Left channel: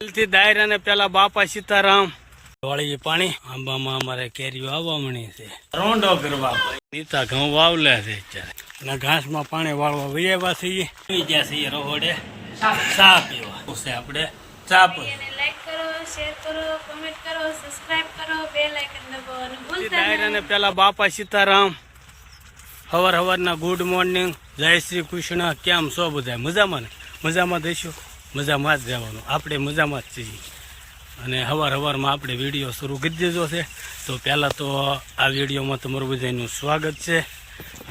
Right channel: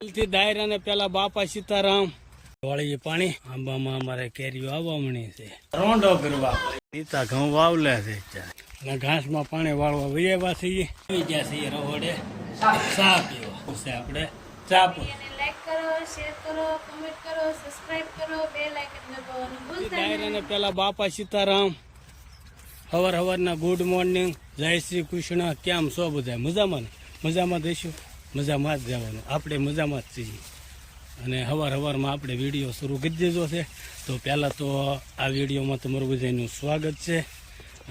થી દાયરાને પેલા બાપા સીતારામ. વાળી પાણી આંબામાં અમારે કેરીઓ આવવા મળી છે. રોંડો કરવા નીતા ઘઉં વાવલે છે અને ઘાસમાં પાણી વાળવા વૈયા છીએ. આવી ગયા છીએ રોહડે. ચા પીવા. છે આપણે? ચા પી અને લાઈક કરો શેર કરો કમેન્ટ કરો સબસ્ક્રાઇબ કરો બે લાઇકન દબાવવાનું ભૂલતા દાયરાને પેલા બાપા સીતારામ. હવાર હવારના ગુડ મોર્નિંગ જય શ્રી કૃષ્ણ. કેમ છો બધા? મજામાં ને? મજામાં દઈશું મજામાં જ રહેવાનું. આપણે મજામાં જ છીએ. અને હવાર હવારમાં આપણે વીડિયો શરૂ કરી દીધો છે. તો પહેલાં તો આ વિડીયોમાં તમારું બધાનું સ્વાગત છે.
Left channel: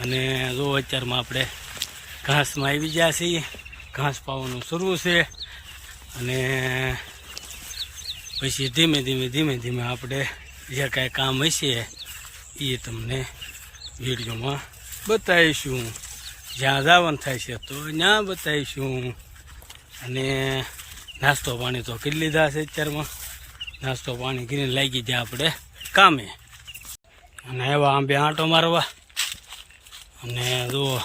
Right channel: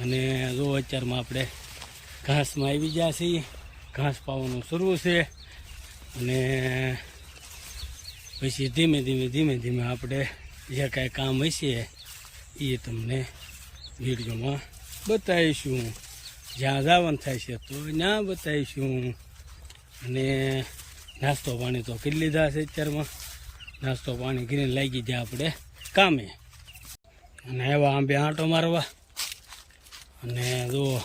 અને જો અત્યારમાં આપણે ઘાસમાં આવી ગયા છીએ. ઘાસ પાવાનું શરૂ છે. અને પછી ધીમે ધીમે ધીમે ધીમે આપણે જે કાંઈ કામ હશે એ તમને વિડીયોમાં બતાવીશું. જ્યાં જવાનું થાય છે તો ત્યાં બતાવીશું. અને નાસ્તો પાણી તો કરી લીધા છે અત્યારમાં. નાસ્તો પાણી કરીને લાગી જાય આપણે કામે. અને એવા આંબે આંટો મારવા. અને જો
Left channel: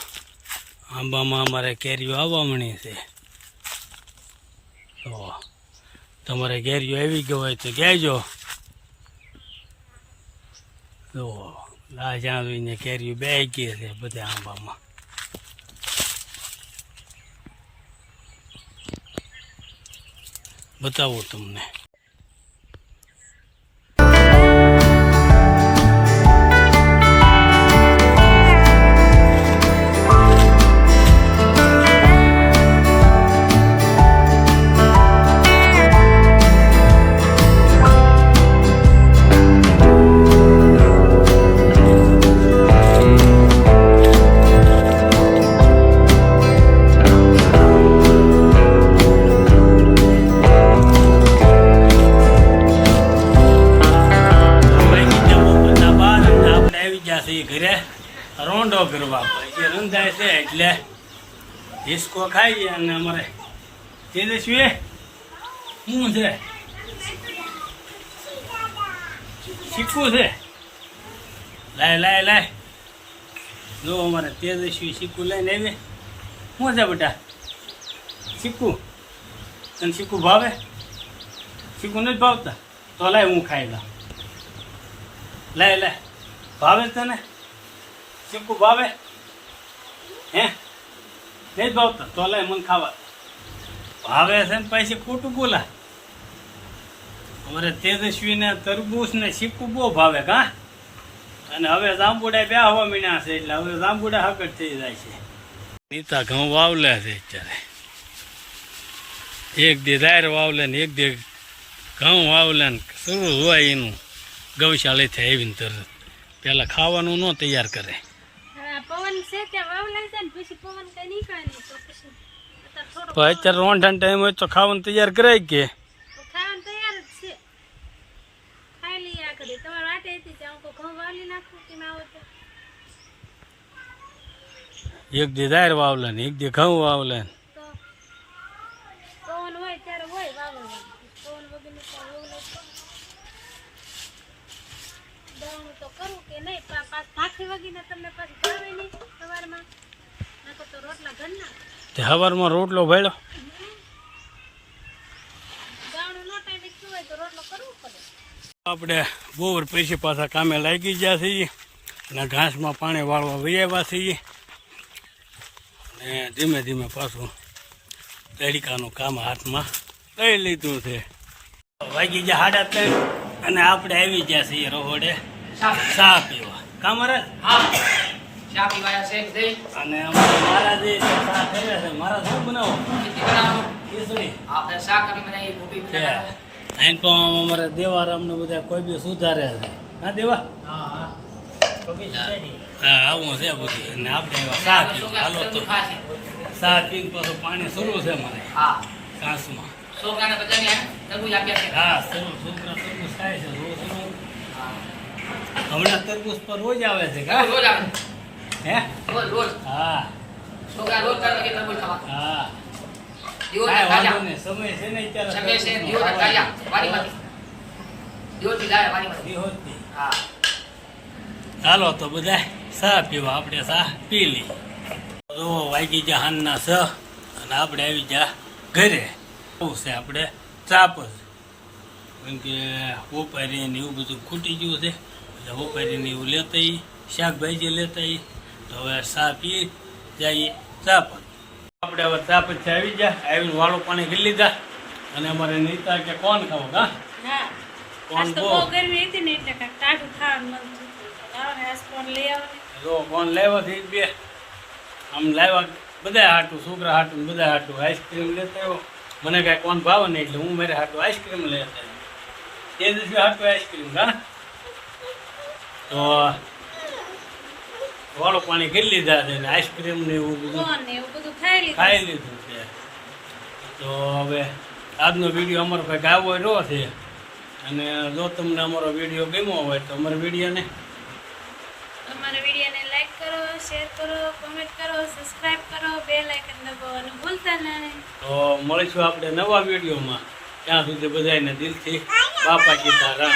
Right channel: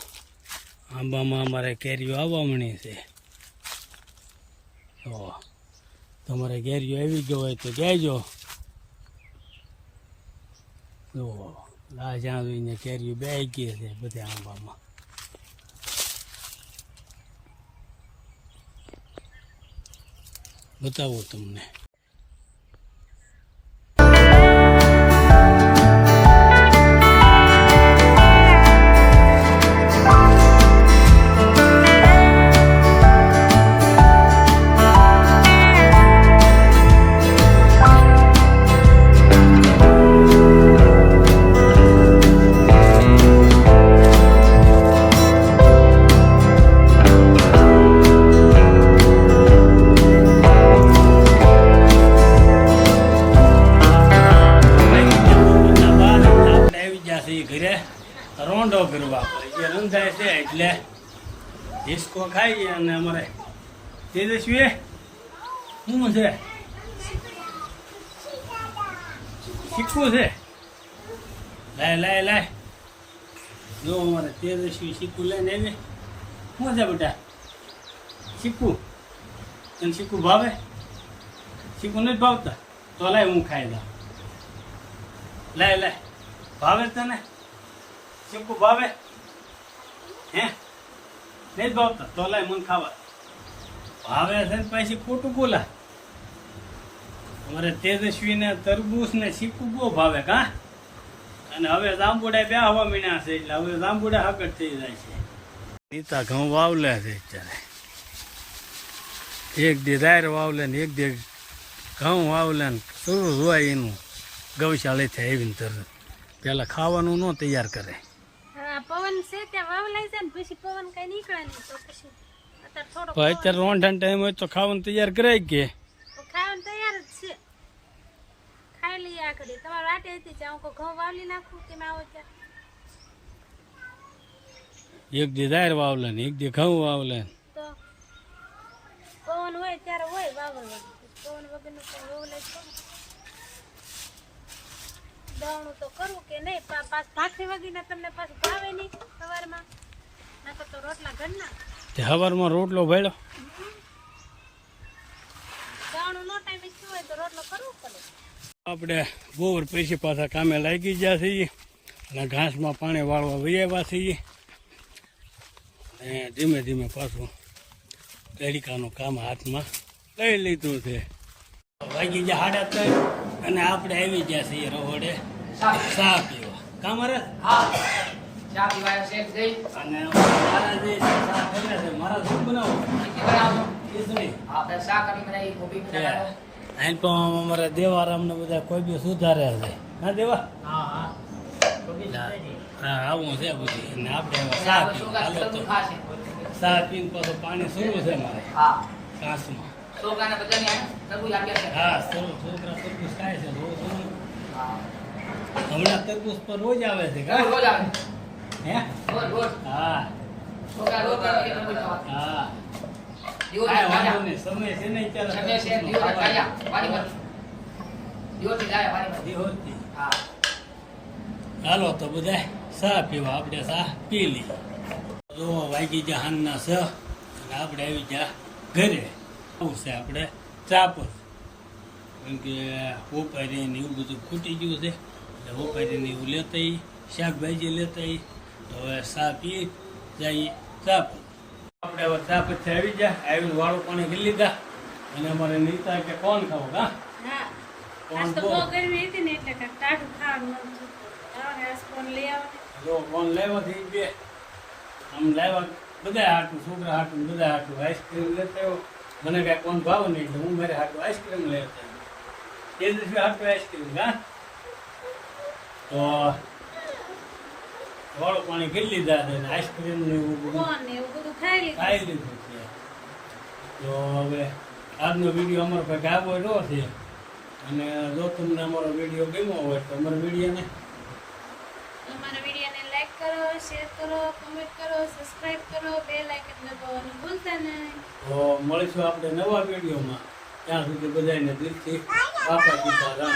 આંબામાં અમારે કેરીઓ આવવા મળી છે. તો તમારે કેરીઓ આવી ગયો હોય તો કહેજો. જો આ જ્યાં જોઈને કેરીઓ બે ગઈ છે બધા આંબામાં. બતાવું તમને. આવી છીએ ઘરે રોંડો ગરવા પછી રંધાય છે એટલે ડિસ્કો ખાઈએ અને અમારે તેજસ્વી શું છે? શીખવું છે? લાય લાય લાય. જો અમારે તેજસ્વી શીખવું લઈને આવી. શું છે બેટા? શીખવું? તને શીખવું ભાવે? શીખવું નથી ભાવતા? તો લાય હું ખાઈ લઉં. લાય લે ભાવે તને? ચીકુ ભાવે? હે? નહીં ભાવતા. તો લે મને ખાવા. ભાવે છે ને પછી ખોટું બોલા અમારે તેજસ્વીને તરબૂચ ને ચીકુ બહુ ભાવે કા અને હવે જાંબુડા બે હવા મીણ્યા છે એટલે હવે જાંબુડા હાકડ થઈ જાય છે. નીતા ઘઉં વાવલે છે અત્યારે. એક દી દાયર વાવલે ને એક દી ઘઉં વાવલે ને શરૂ હોય એનું. ગૌશાળાથી આવીને તરત. પહેલાં ખાવાનું ન તૈયાર કરે. અત્યારે રોંઢાનો ટાઈમ હોય તો ખાવાનું તૈયાર કરાય કે? એક દી દાયર વાવલે ને એક દી ઘઉં વાવલે ને તો પવન હોય ત્યારે હોય વાવલ પવન વગરનું તો વાવલાય જ ખરું. દળણું તો કરું કે નહીં પાછ ભાખરી વગીને તમને પાછું ભાવે નહીં સવારમાં. નકર તો રોટલા ઘરના. તે સવારમાં રોટલો ભેળો. દળણું ન ટાઈમ થયું હોય તો રોટલો કરવો પડે. આપણે બોર પૈસે પાછા કામે લાગી ગયા છીએ અને ઘાસમાં પાણી વાળવા વૈયા છીએ. અને ધીમે ધીમે પાછું તરીકાનું કામ હાથમાં લઈ લીધું છે. વાગી ગયા સાડા ત્રણ અને આપણે આવી ગયા છીએ રોહડે. ચા પીવા. કામરે ચા પીવાયા છે. જઈ અને મારા મહારાજે ચા કર્યા છે મારા શું બનાવો. આપણે શાક આપી બનાવી મોટી બનાવો પણ અમારે દેવારામ ને બધા કોઈ બી સુધારે છે. ના દેવા? હા હા. હા આવું છે બધું. અને આપણે એવા ચા પીવા. હાલો તો. ચા પીને પાછું પાણી શરૂ છે મારે કાંસમાં. હા છોકરા ખાય છે. રોજ. હમણાં તરબૂચ પર રોજ આવે છે કા? રોજ આવે. હે? રોજ રોજ. હા. છોકરા રોજ કરવા કે તરબૂચ ખાવા. હા. દીવોના તાજા સમય છે ને અત્યારે. સમય છે દીવોના તાજા વાડીમાંથી. દીવોથી લાયા વાડીમાંથી. દિવસથી. હા. ચાલો તો બધા સા પીવા. આપણે સા પી લઈ જો વાગી જા હાનના સ અને આપણે આવી જા ઘરે. આવું છે આપણે ચાપ જ કેમ કે ઉપારી ને એવું બધું ખૂટી ગયું છે. એટલે ઉપારી ને એવું લેતા ઈ, શાકભાજી લેતા. તો હવે ચા પી જઈએ ચા આપણે હવે ચા પછી આવી જાય આવીને વાળું પાણી કરી લીધા. અને અમારે નીતા કે કોણ ખાવો કા હા. કોણ આવો જો કોણ લાવ્યા છે બે. આમ લાવ્યા બધા હાટું છોકરા હાટું બધા હાટું આઈસ્ક્રીમ લેતા આવ્યો મને કાંઈ કોણ ભાવે નહીં એટલે હું મારે હાટું આઈસ્ક્રીમ લેતા એ દિવસે હાટું આઈસ્ક્રીમ હા? તો વાળું પાણી કરી લીધા છે ને આઈસ્ક્રીમ ને એવું બધું. ખાઈ લીધું? છે. તો હવે આજનો વીડિયો અમારો કંઈક આવો રહ્યો છે. અને જો તમને અમારો વીડિયો ગમ્યો હોય તો અમારા વિડીયોને અમારા વિડીયોને લાઈક કરો શેર કરો કમેન્ટ કરો સબસ્ક્રાઇબ કરો બેલ આઇકન દબાવવાનું ભૂલતા નહીં. તો મળીશું આપણે નવા વિડીયોમાં. ત્યાં સુધી બધાને દિલથી બાપા સીતારામ